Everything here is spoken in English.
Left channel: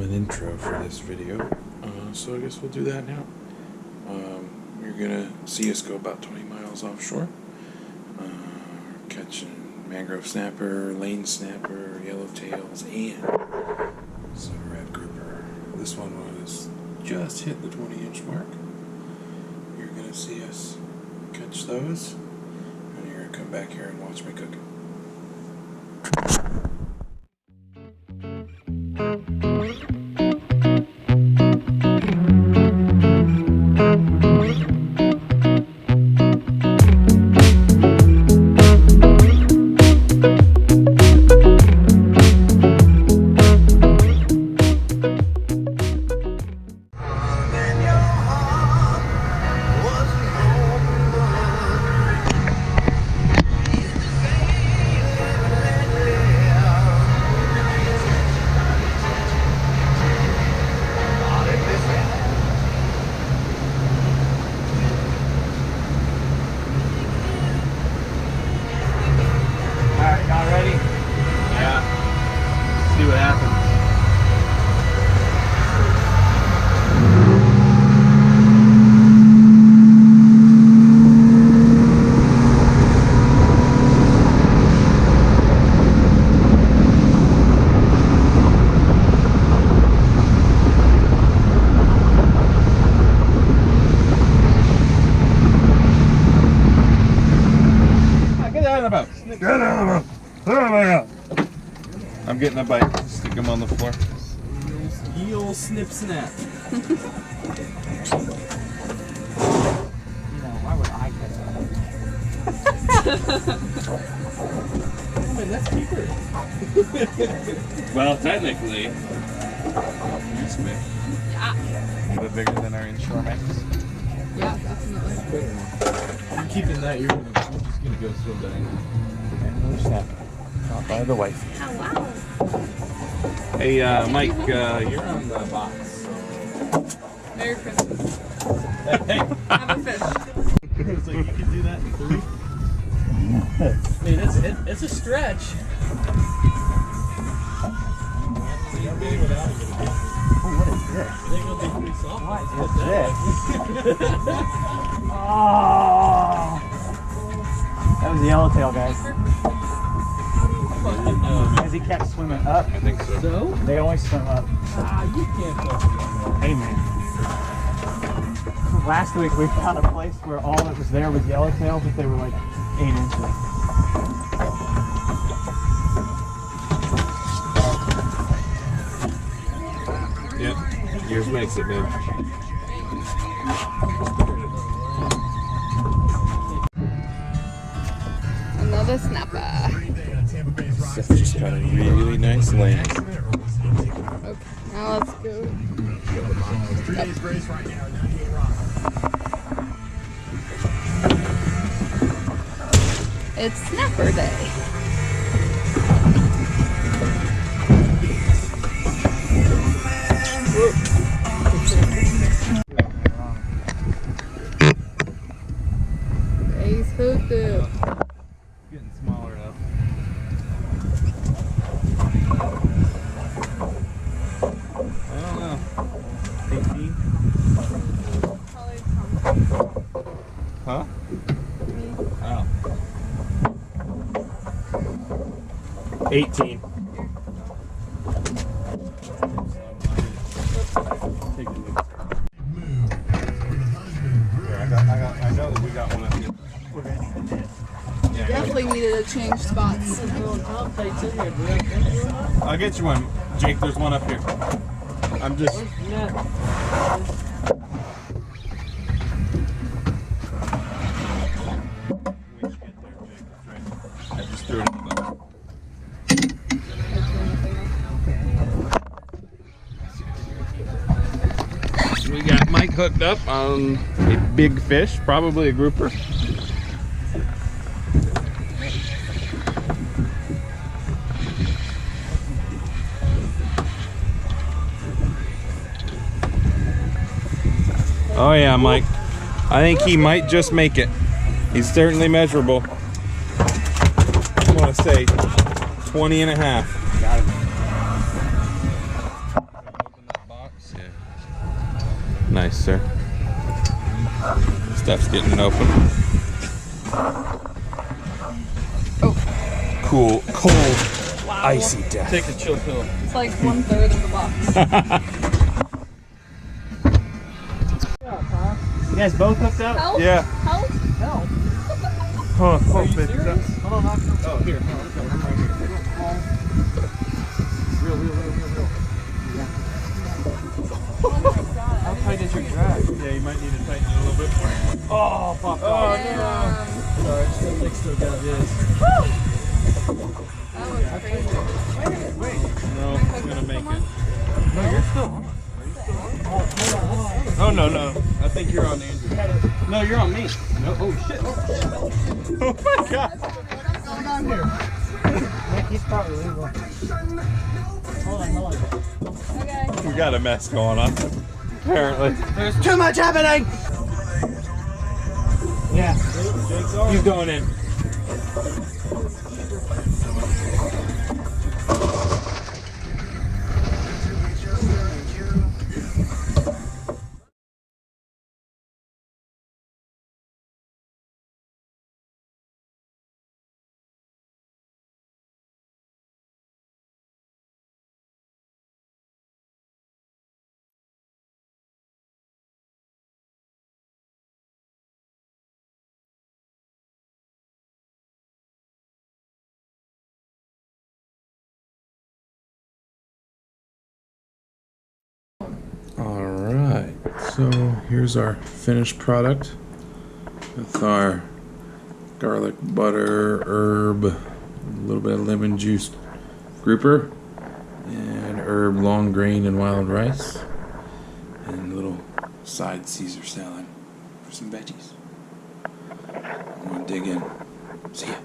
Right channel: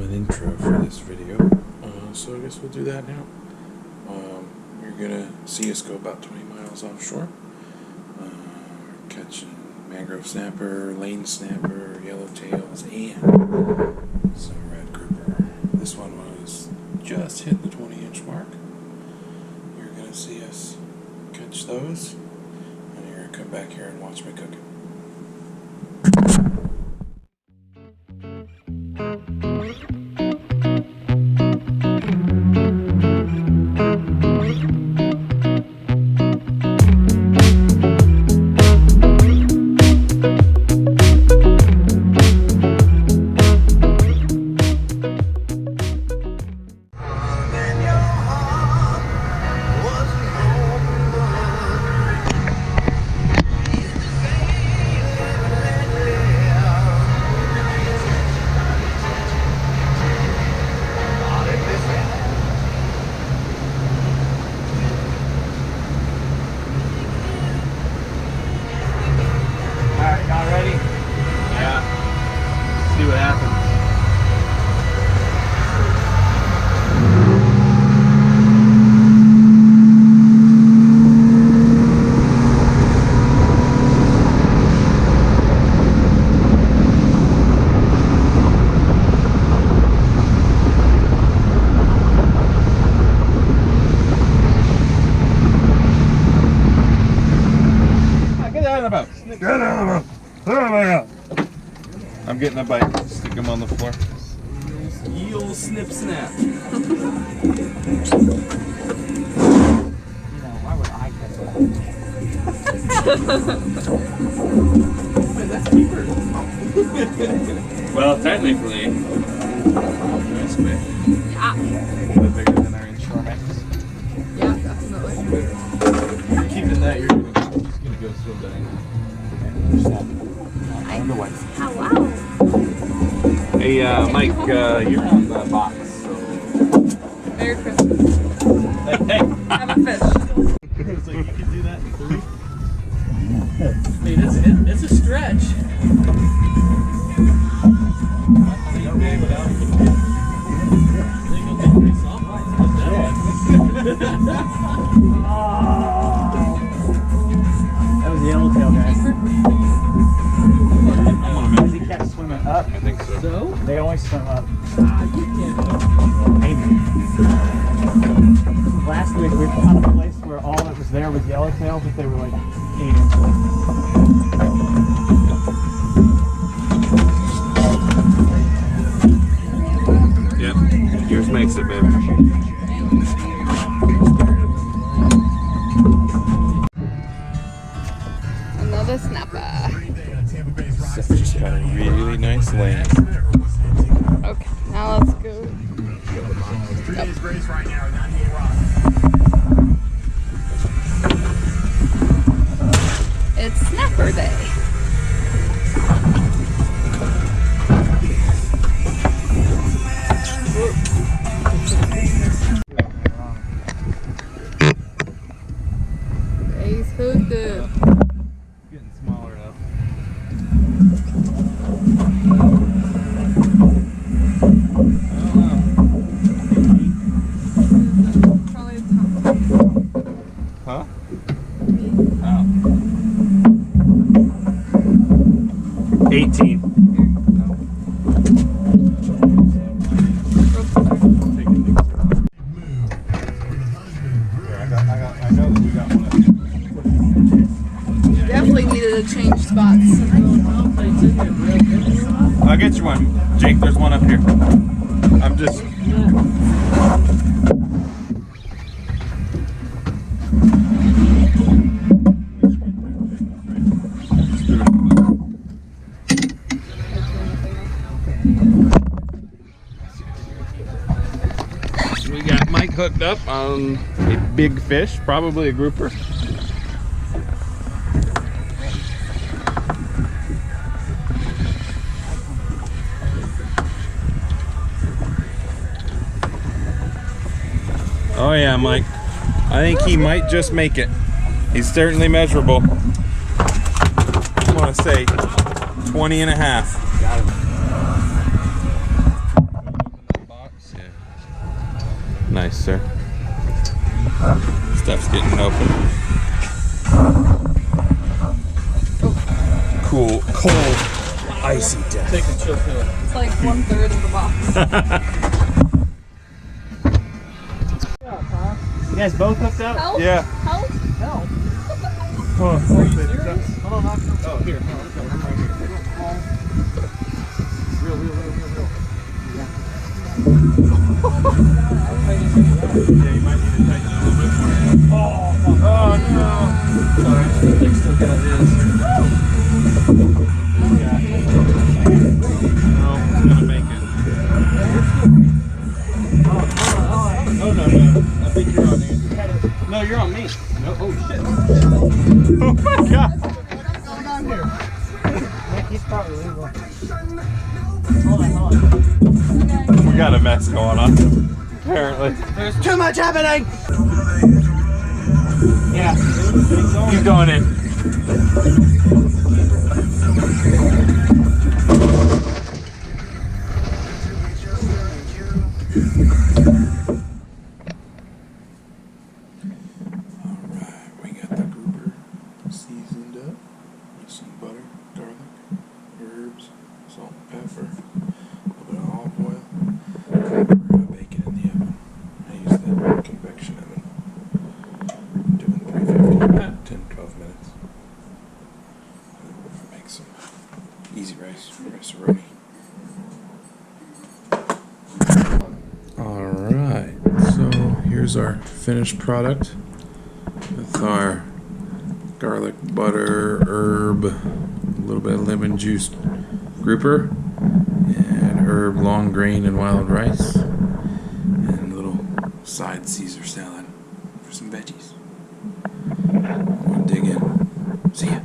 an intro for this video, so I guess we'll do that now. You're gonna see us go about 20 miles offshore, catching mangrove snapper, lane snapper, yellowtails, and some red grouper. This one was just hit the 20-inch mark. You're gonna see us catch those, and you're gonna come back here and watch me cook it. I'm getting a bite. Stick them on the floor. Eel snip snap. Why would I catch it? Oh man, that's keeper. Well, technically. Nice big. Yeah. A bit bigger than our inshore max. Yeah, definitely. You're keeping that, you're just gonna go swim down. Another snap. Not by the wife. Oh, wow. Hey, Mike, you're on the box, so. Merry Christmas. Hey, Have a fish. it's like you can do that in 3. I mean, it's a stretch. So you roll it out and get it. They're gonna be pretty soft. Put that one. Oh, that was the yellowtail, guys. Because he kept swimming up. I think so. So? They always swim up. You can't touch Hey, man. Last week we found a place where all that was there was yellowtail, but they were like 8 inches. Yep. Yours makes it, babe. Another snapper. Seth just got a really nice lane. Okay, now let's go. It's snapper day. He's hooked up. Getting smaller up. I don't know. 18? Probably a ton. Huh? Oh. 18. I know that we got one up here. Definitely needed to change spots. I'll get you one. Jake, there's one up here. I'm just... I just threw it in the... We got Mike hooked up on a big fish, probably a grouper. Oh yeah, Mike. I think he might just make it. He's certainly measurable. I want to say 20 and a half. Got him. Nice, sir. Stuff's getting open. Oh, Cool, cold, icy death. Take the chill pill. it's like 1/3 of the box. You guys both hooked up? Help? Yeah. Help? Help. Hold on, Are you serious? Hold on, knock. Oh, here. No, okay, I'm right here. Real. Oh my god. How tight is your drag? Yeah, you might need to tighten it a little bit more. Oh, fuck. Oh, Sorry, the thing still got this. That was crazy. no, it's gonna make it. Oh, no. I think you're on Andrew. No, you're on me. No. Oh, shit. Oh my god. What's going on here? He's probably legal. Hold on. Okay. We got a mess going on, apparently. There's too much happening! Yeah. He's going in. Alright, we got the grouper seasoned up with some butter, garlic, herbs, salt, pepper, a little bit of olive oil. We're gonna bake it in the oven. I use the convection oven. Doing 350, 10-12 minutes. Make some easy rice-a-roni. Alright, so here's our finished product with our garlic, butter, herb, a little bit of lemon juice grouper, and herb long grain and wild rice, and a little side Caesar salad for some veggies. I'm gonna dig in. See ya.